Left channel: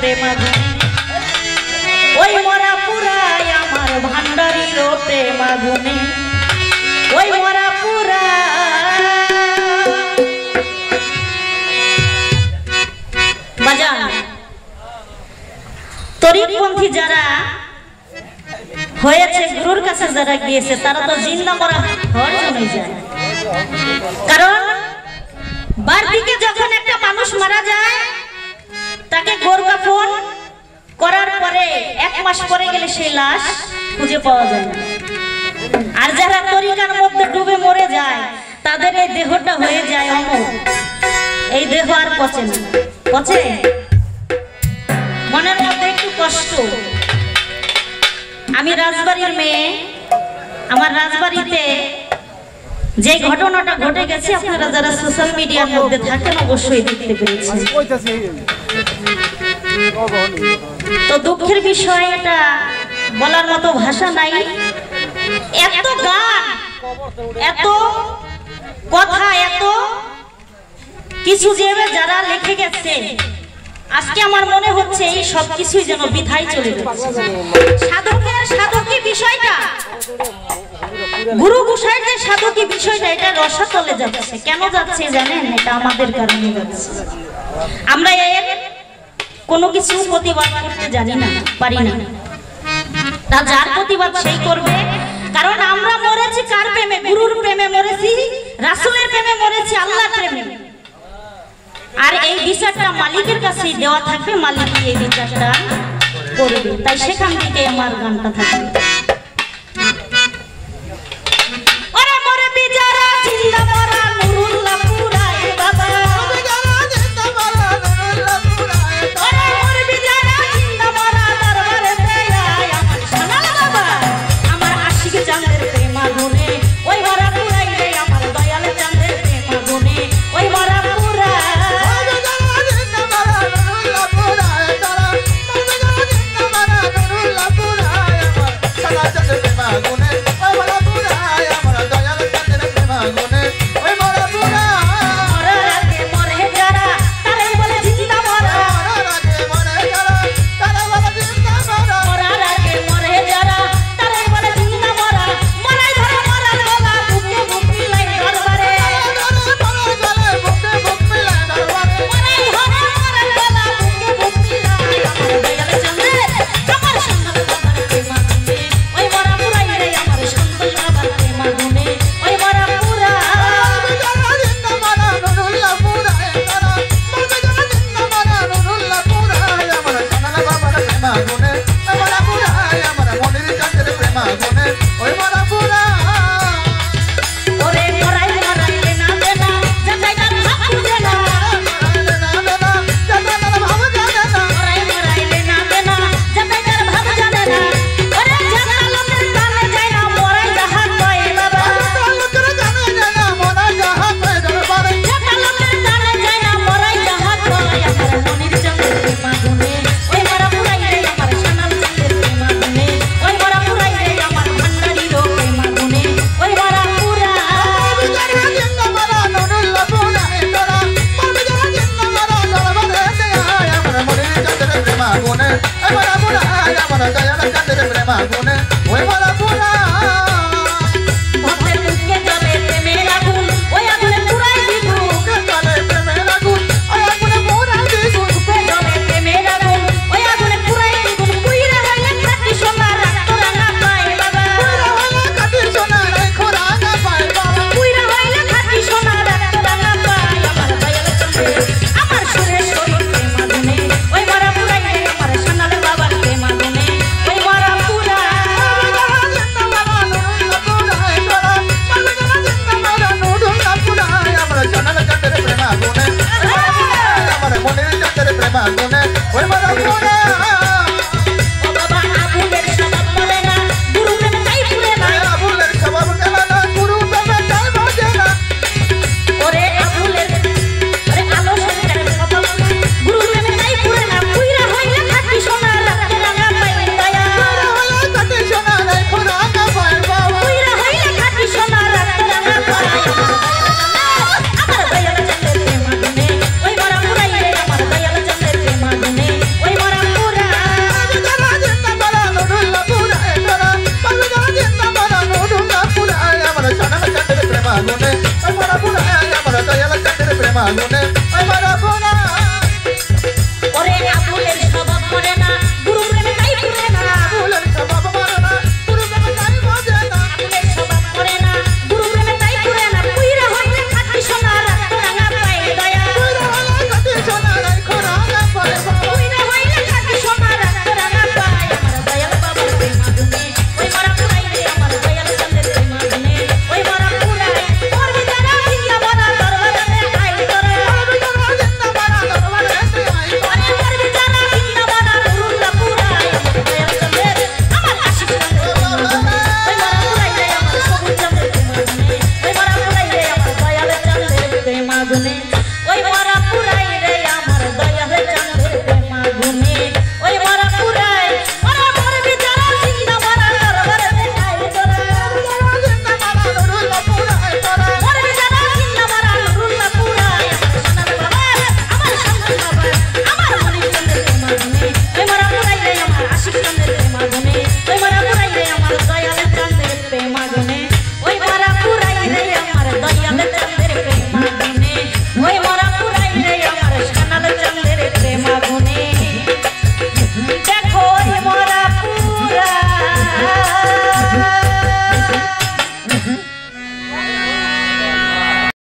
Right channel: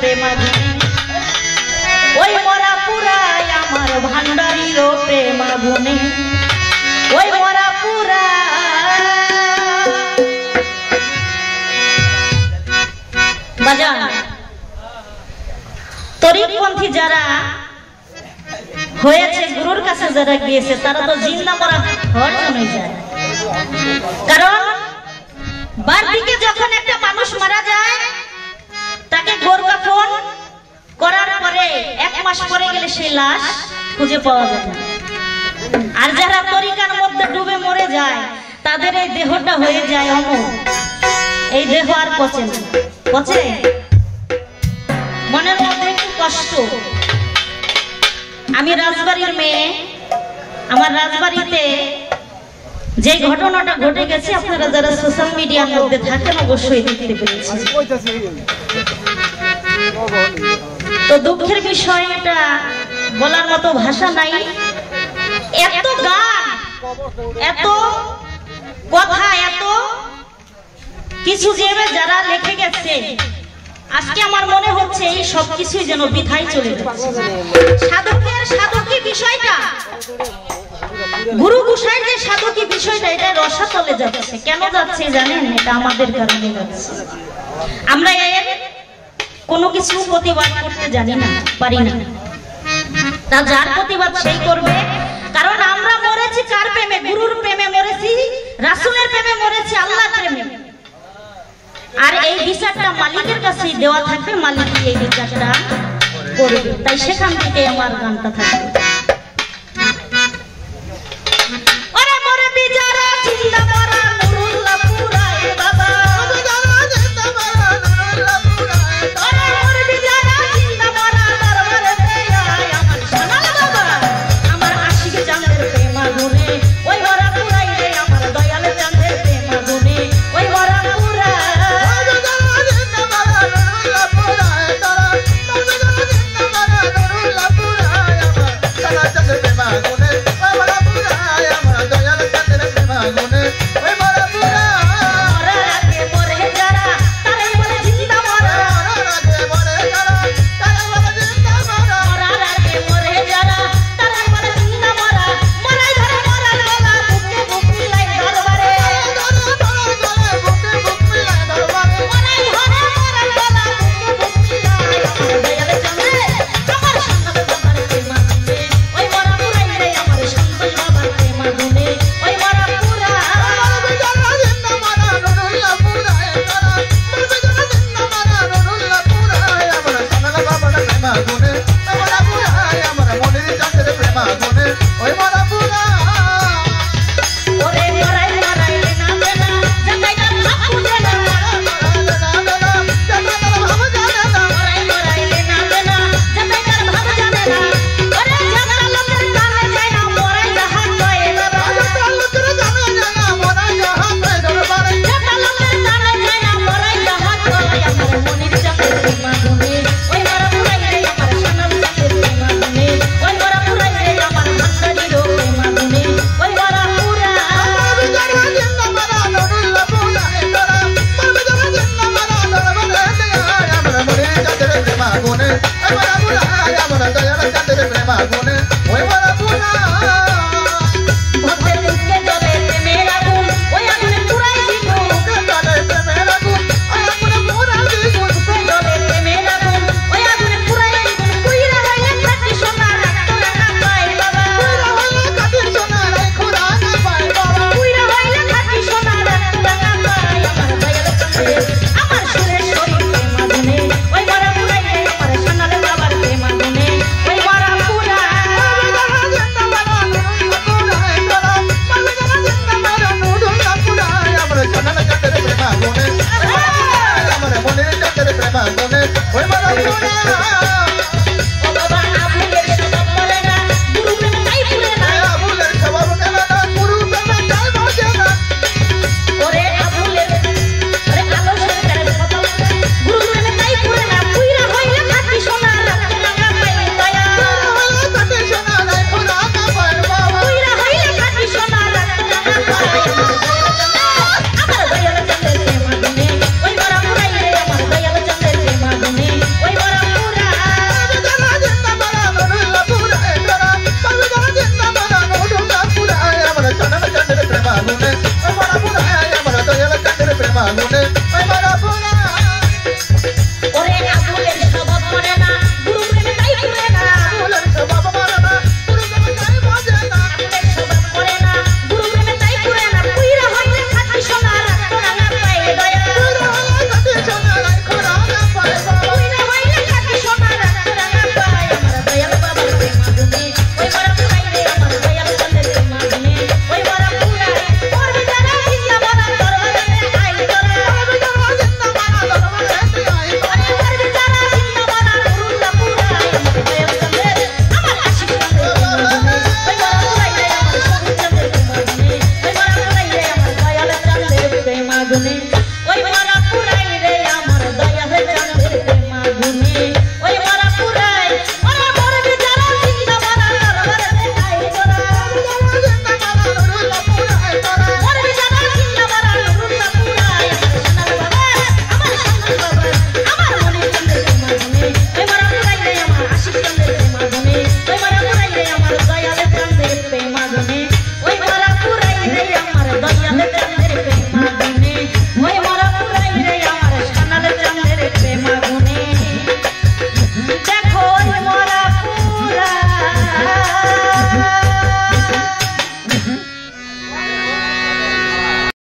প্রেমাগুনে ওই মরা পুরায় আমার ভান্ডারির প্রেমাগুনে ওই মরা পুরা বাজান তরিকপন্থী যারা হয়েছে গুরুর কাছে যারা গিয়েছে তারা তো জিন্দা মরা হয়ে জমে যায়। কারণ বারদিকে যখন একটা মানুষ মারা যায় তাকে গোরকাফন করার পরে 1 মাস পরে গেলে সেই লাশ খুঁজে পাওয়া যায় না। আর যারা তরিকার মধ্যে ডুবে মরে যায় তাদের এই দেহটা হয়ে যায় অমর। এই দেহ আর পচে না, পচে মনের মধ্যে একটু কষ্ট। আমি রাজবাড়ির মেয়ে, আমার রাজবাড়িতে যে ঘটনাটা ঘটে গেছে আপনারা যারা সোশ্যাল মিডিয়ার মধ্যে থাকেন অবশ্যই দেখতে পেরেছেন। তো দুঃখের বিষয়, এটা বলার মতো ভাষা নাই। এত গান, এত কথা, এত কিছু যে যারা লিখে গেছে, আজকে আমার মনে হচ্ছে এই সব কিছুই যেন বৃথায় চলে যাচ্ছে। সাধকী বিষয়টা, গুরু গোসাইয়ের যে সাধকী বিষয়টা, এটা রসাতলে যাচ্ছে। কেন যাচ্ছে জানেন? এটা আমাদের কারণে যাচ্ছে। আমরা এর কোনো কিছু প্রতিবাদ করতে জানি না, পারি না। তা যার প্রতিবাদ সেই করবে। কারণ আমরা মরেছি কার প্রেমে? গুরুর প্রেমে মরেছি, রাসূলের প্রেমে মরেছি, আল্লাহর প্রেমে। আর এই বিচারটা মালিকের কাছেই দেওয়া থাকবে, মালিক এই বিচারটা করবে। তাই সেখান থেকে আমার গানটা থাকবে।